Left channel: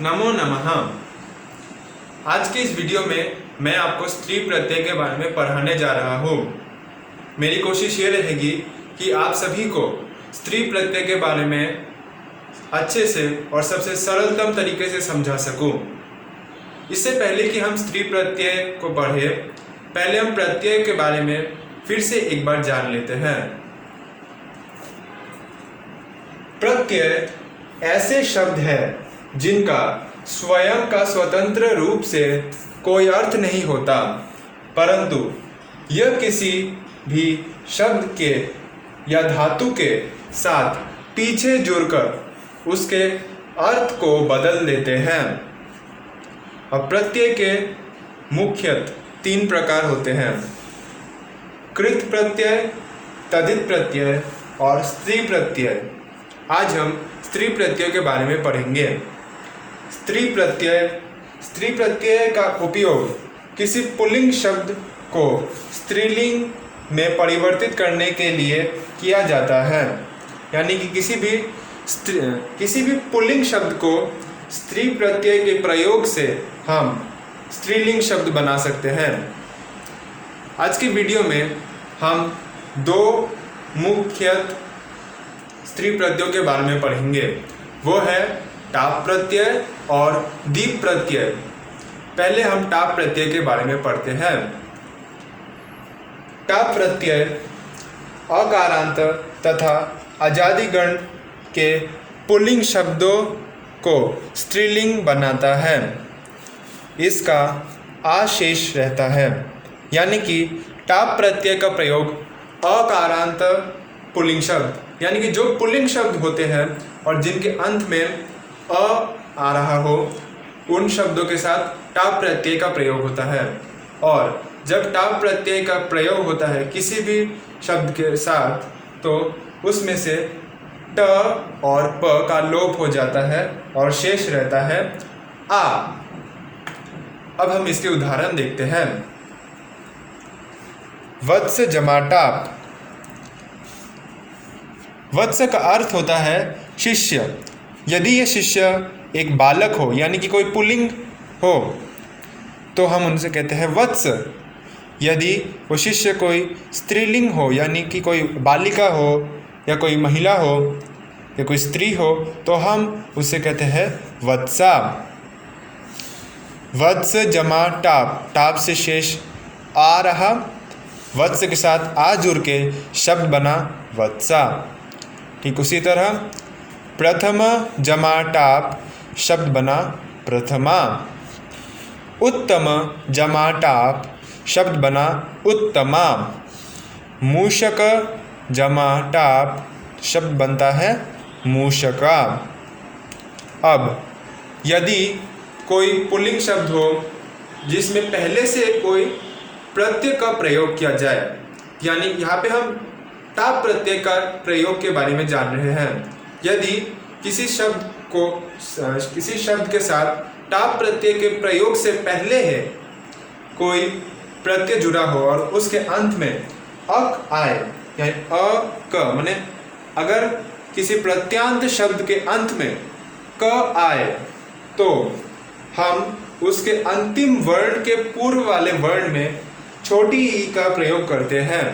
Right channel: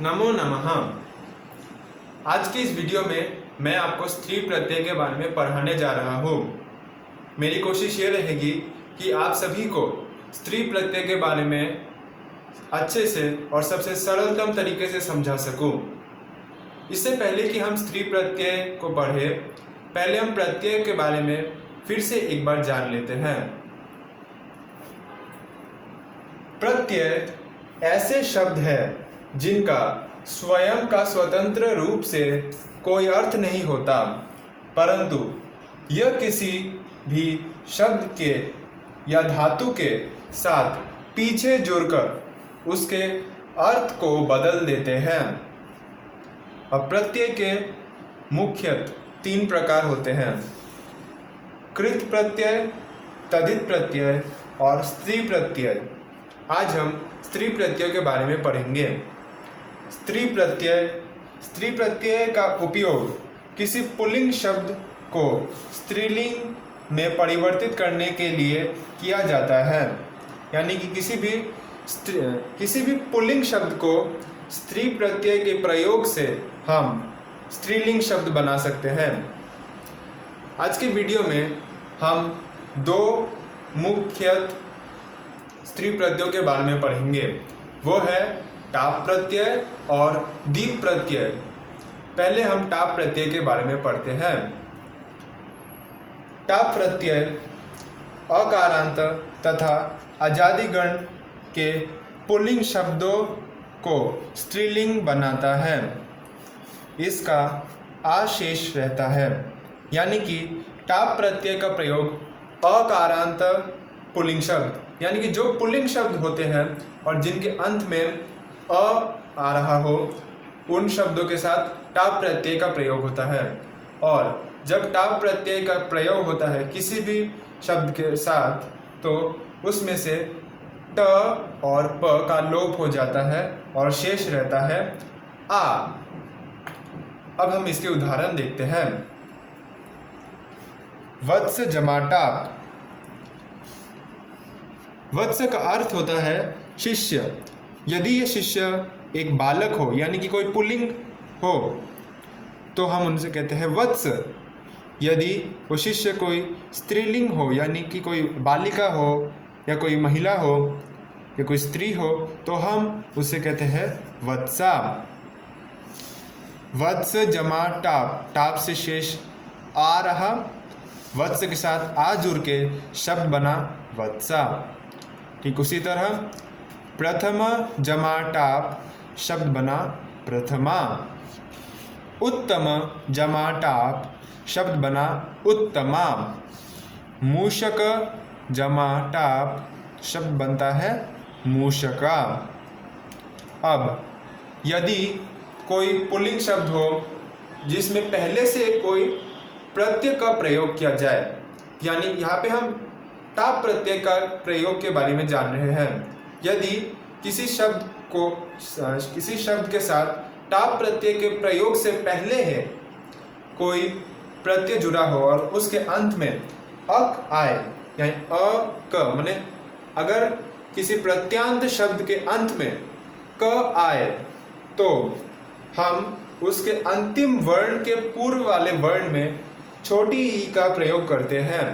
नमो नमः। आज के इस वीडियो में मैं आपको स्त्री प्रत्यय के बारे में पढ़ाने जा रहा हूँ। मेरी कोशिश ये रहेगी कि आप सभी को स्त्री प्रत्यय के बारे में अच्छे से और सबसे सरलतम तरीके से समझा सकूं। इससे पहले कि हम स्त्री प्रत्यय को पढ़ें, पहले हम प्रत्यय के बारे में फिर से एक बार जान लेते हैं। प्रत्यय ऐसे शब्द हैं जिनका स्वयं का स्वतंत्र रूप से कोई अर्थ नहीं होता, परंतु यह किसी भी शब्द के या धातु के साथ पीछे जुड़कर उसके अर्थ को बदल देते हैं। अब प्रत्यय के मुख्यतः 3 प्रकार होते हैं: कृत प्रत्यय, तद्धित प्रत्यय और स्त्री प्रत्यय। आज हम स्त्री प्रत्यय के बारे में पढ़ेंगे। स्त्री प्रत्यय का उपयोग किसी पुल्लिंग शब्द को स्त्रीलिंग में परिवर्तित करने के लिए किया जाता है। यानी कि किसी भी पुल्लिंग शब्द को स्त्री प्रत्यय के प्रयोग से हम स्त्रीलिंग शब्द बना सकते हैं। आज के वीडियो में हम 2 मुख्य स्त्री प्रत्ययों के बारे में पढ़ेंगे। वो है टाप प्रत्यय और दीप प्रत्यय। पहले हम टाप प्रत्यय के बारे में पढ़ते हैं। टाप प्रत्यय अकारांत तथा अजादिगण के पुल्लिंग शब्दों को स्त्रीलिंग बनाता है। इसका आशेष रहता है। यानी कि टाप प्रत्यय का प्रयोग अकारांत पुल्लिंग शब्द, यानी कि जो पुल्लिंग शब्द होते हैं और जिनके अंत में आ रहा हो, उन शब्दों के साथ टाप प्रत्यय का प्रयोग होता है। और जब टाप प्रत्यय का प्रयोग होता है किसी भी शब्द के साथ, तो उसमें से ट और प का लोप हो जाता है और शेष रहता है आ। अब हम इसके उदाहरण देखते हैं। वत्स जमा टाप। वत्स का अर्थ होता है शिष्य। यदि यह शिष्य एक बालक हो, यानी कि कोई पुल्लिंग हो, तो हम उनसे कहते हैं वत्स। यदि वो शिष्य कोई स्त्रीलिंग हो, यानी कि कोई बालिका हो या कोई महिला हो या कोई स्त्री हो, तो हम उससे कहते हैं वत्सा। वत्स जमा टाप। टाप से शेष आ रहा, वत्स के साथ आ जुड़ के शब्द बना वत्सा। ठीक उसी तरह प्रथम जमा टाप शब्द बना प्रथमा। उत्तम जमा टाप शब्द बना उत्तमा। मूषक जमा टाप शब्द बनता है मूषका। अब यदि कोई पुल्लिंग शब्द हो जिसमें पहले से कोई प्रत्यय का प्रयोग किया जाए, यानी यहाँ पे हम टाप प्रत्यय का प्रयोग के बारे में जान रहे हैं। यदि किसी शब्द के साथ टाप प्रत्यय के प्रयोग से पहले है कोई प्रत्यय जुड़ा हो और उसके अंत में अक आए, यानी अ क, माने अगर किसी प्रत्यांत शब्द के अंत में क आए, तो हम उसके अंतिम वर्ण के पूर्व वाले वर्ण में छोटी ई का प्रयोग करते हैं।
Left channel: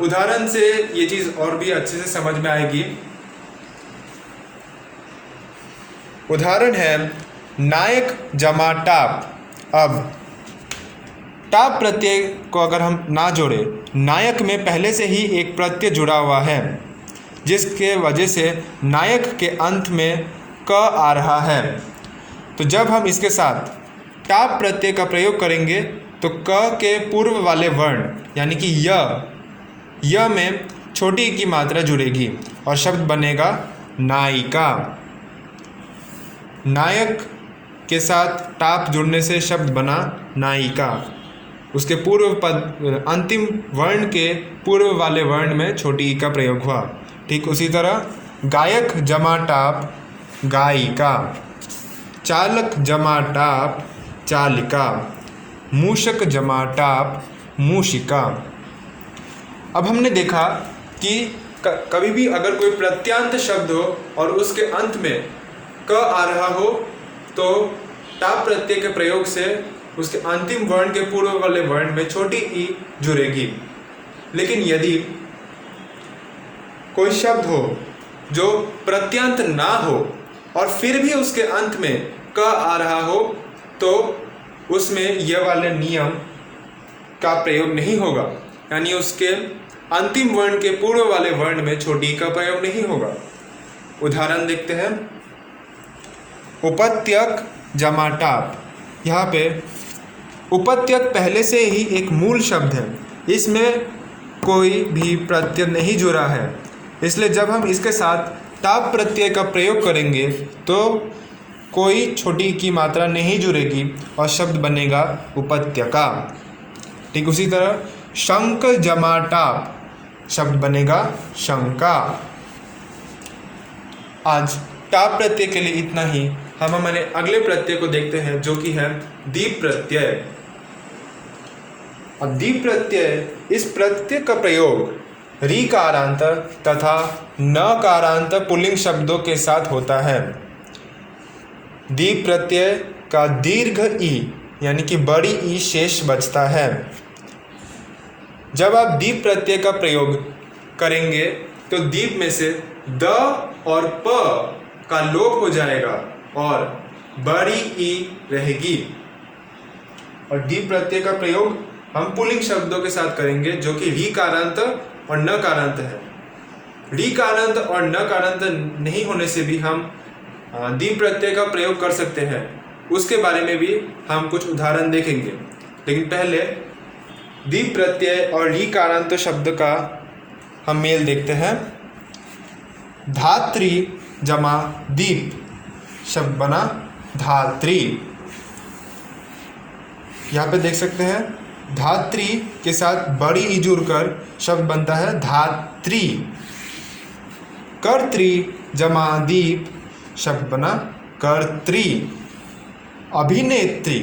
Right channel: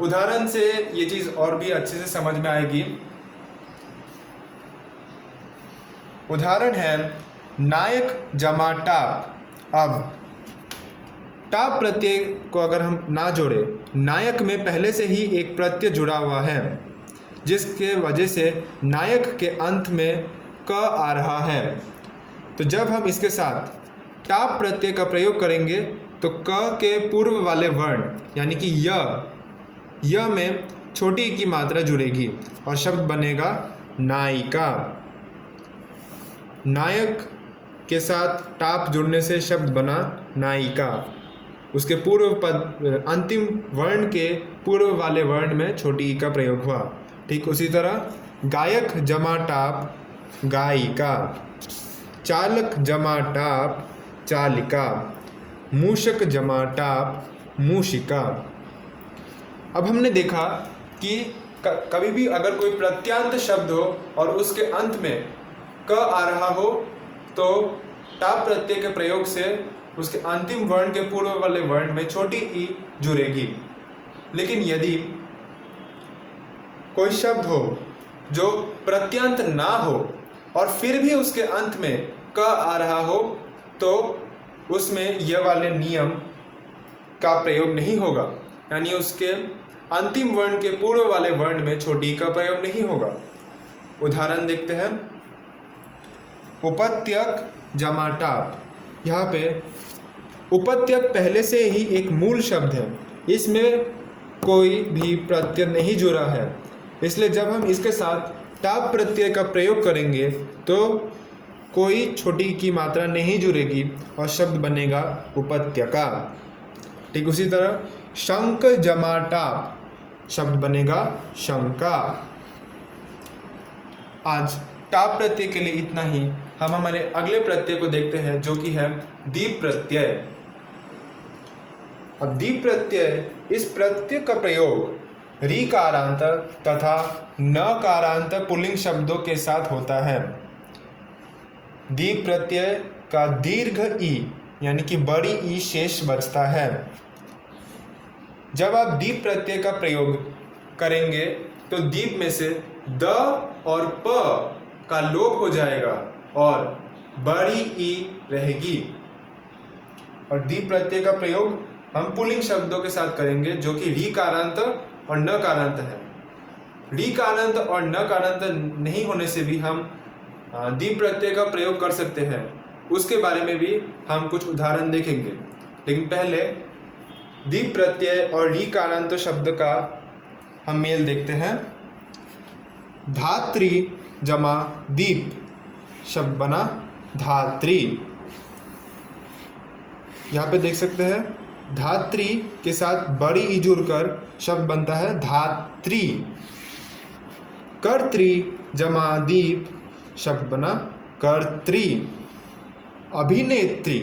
उदाहरण से ये चीज़ और भी अच्छे से समझ में आएगी। उदाहरण है नायक जमा टाप। अब टाप प्रत्यय को अगर हम ना जोड़े, नायक में पहले से ही एक प्रत्यय जुड़ा हुआ है, जिसके वजह से नायक के अंत में क आ रहा है, तो जब हम इसके साथ टाप प्रत्यय का प्रयोग करेंगे तो क के पूर्व वाले वर्ण, यानी कि य में छोटी की मात्रा जुड़ेगी और शब्द बनेगा नायिका। नायक के साथ टाप जुड़ने से शब्द बना नायिका। उसके पूर्व पद, अंतिम वर्ण के पूर्व वाले वर्ण में छोटी ई का प्रयोग हुआ। ठीक उसी तरह गायक जमा टाप गायिका। चालक जमा टाप चालिका। मूषक जमा टाप मूषिका। अब हमने देखा कि कभी भी अगर कोई प्रत्यांत शब्द हो और उसके अंत में क आ रहा हो तो टाप प्रत्यय के प्रयोग से उसके अंतिम वर्ण के पूर्व वाले वर्ण में छोटी ई जुड़ेगी। लेकिन यदि कोई शब्द हो जो प्रत्यंत ना हो और फिर भी उसके अंत में क आ रहा हो तो उसमें यह वाले नियम का प्रयोग नहीं होगा, यानी उसके अंतिम वर्ण के पूर्व वाले वर्ण में छोटी का प्रयोग नहीं होगा। उदाहरण देखते हैं। उपत्यक जमा टाप। यहाँ पे उपत्यक पहले से ही एक मूल शब्द है, इसमें कोई भी प्रत्यय नहीं जुड़ा है, इसलिए जब हम इसके साथ टाप प्रत्यय का प्रयोग करेंगे तो कोई छोटी की मात्रा नहीं जुड़ेगी और शब्द बनेगा उपत्यका। ठीक उसी तरह शंक जमा टाप शब्द बनेगा शंका। आज टाप प्रत्यय के लिए इतना ही। हम हमारे अगले प्रत्यय को देखते हैं जो कि है दीप प्रत्यय। अब दीप प्रत्यय, इस प्रत्यय का प्रयोग री कारांत तथा न कारांत पुल्लिंग शब्दों के साथ होता है। दीप प्रत्यय का दीर्घ ई यानी कि बड़ी ई शेष बचता है। जब आप दीप प्रत्यय का प्रयोग करेंगे तो दीप में से द और प का लोप हो जाएगा और बड़ी ई रहेगी। और दीप प्रत्यय का प्रयोग हम पुल्लिंग शब्दों के साथ करेंगे जो कि री कारांत और न कारांत है। री कारांत और न कारांत नहीं होने से भी हम दीप प्रत्यय का प्रयोग कर सकते हैं, उसके बारे में भी हम कुछ उदाहरण देखेंगे। लेकिन पहले दीप प्रत्यय और री कारांत शब्द का हम मेल देखते हैं। धात्री जमा दीप शब्द बना धात्री। यहाँ पे देख सकते हैं धात्री के साथ बड़ी ई जुड़कर शब्द बनता है धात्री। कर्त्री जमा दीप शब्द बना कर्त्री। अभिनेत्री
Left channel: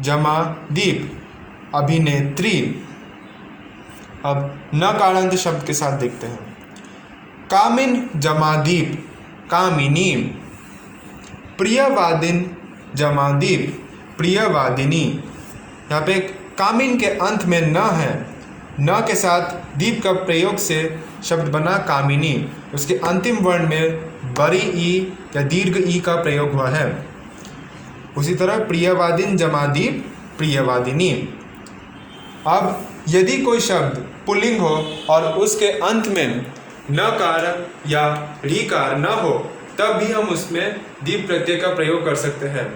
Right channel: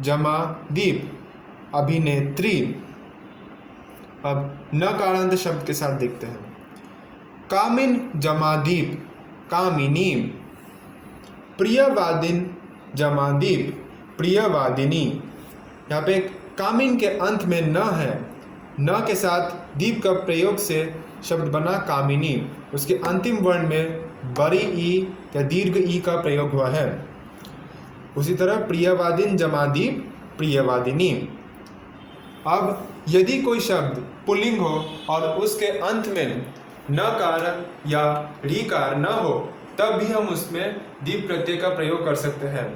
जमा दीप अभिनेत्री। अब न कारांत शब्द के साथ देखते हैं। कामिन जमा दीप कामिनी। प्रियवादिन जमा दीप प्रियवादिनी। यहाँ पे कामिन के अंत में न है, न के साथ दीप का प्रयोग से शब्द बना कामिनी। उसके अंतिम वर्ण में बड़ी ई या दीर्घ ई का प्रयोग हुआ है। उसी तरह प्रियवादिन जमा दीप प्रियवादिनी। अब यदि कोई शब्द पुल्लिंग हो और उसके अंत में नकार या रीकार न हो तब भी हम उसमें दीप प्रत्यय का प्रयोग कर सकते हैं।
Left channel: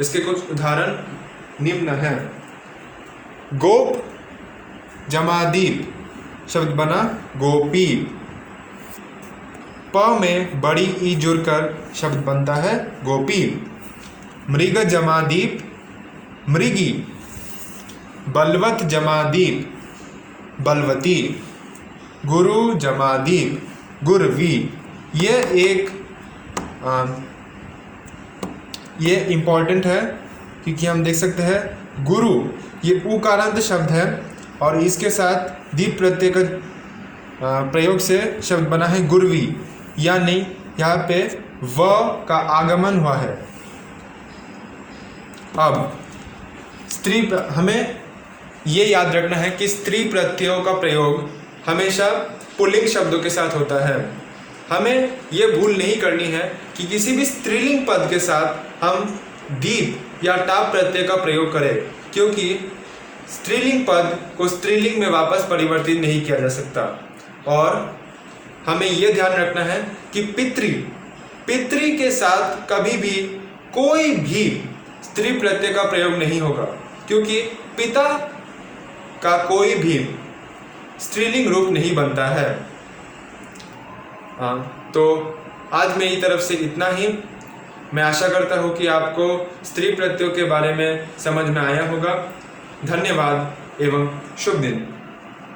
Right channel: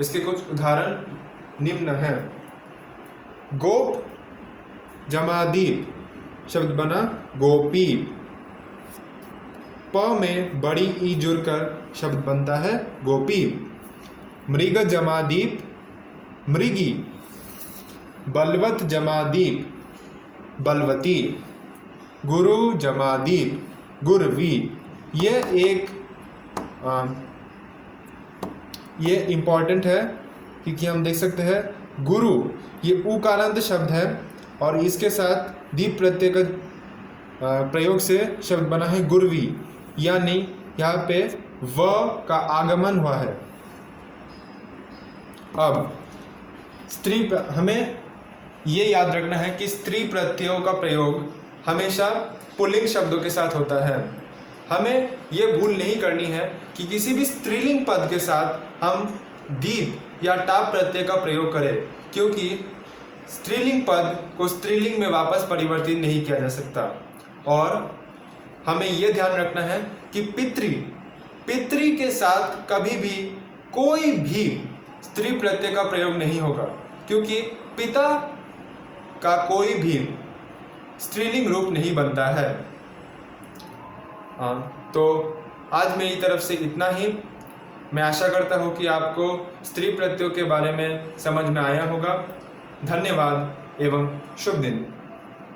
इसके कुछ उदाहरण निम्न हैं। गोप जमा दीप शब्द बना गोपी। प में बड़ी ई जुड़कर शब्द बनता है गोपी। मृग जमा दीप मृगी। बलवत जमा दीप बलवती। गुरु जमा दीप गुरवी। ये इम्पॉर्टेंट है क्योंकि हम देख सकते हैं गुरु ये उकारांत शब्द है और इसके साथ दीप प्रत्यय का प्रयोग से शब्द बना है गुरवी, यानी यहाँ पे व का आगमन हुआ है। अब हमें ये याद रखना है कि स्त्री प्रत्ययों का प्रयोग हमेशा पुल्लिंग शब्दों के साथ होता है। हमें ये भूल नहीं करनी है कि किसी भी स्त्रीलिंग पद के साथ हम दीप या टाप प्रत्यय का प्रयोग करें, क्योंकि स्त्रीलिंग पद को स्त्रीलिंग में वापस परिवर्तित नहीं किया जा सकता। और हमें यह ध्यान रखना है कि पितृ के साथ कभी भी कोई भी स्त्री प्रत्यय का प्रयोग नहीं होगा, क्योंकि पिता का कोई भी स्त्रीलिंग रूप नहीं बनता है। तो आज मेरी तरफ से इतना ही। मैं आशा करता हूँ कि आपको स्त्री प्रत्ययों के बारे में समझ में आया होगा। धन्यवाद एवं शुभ दिन।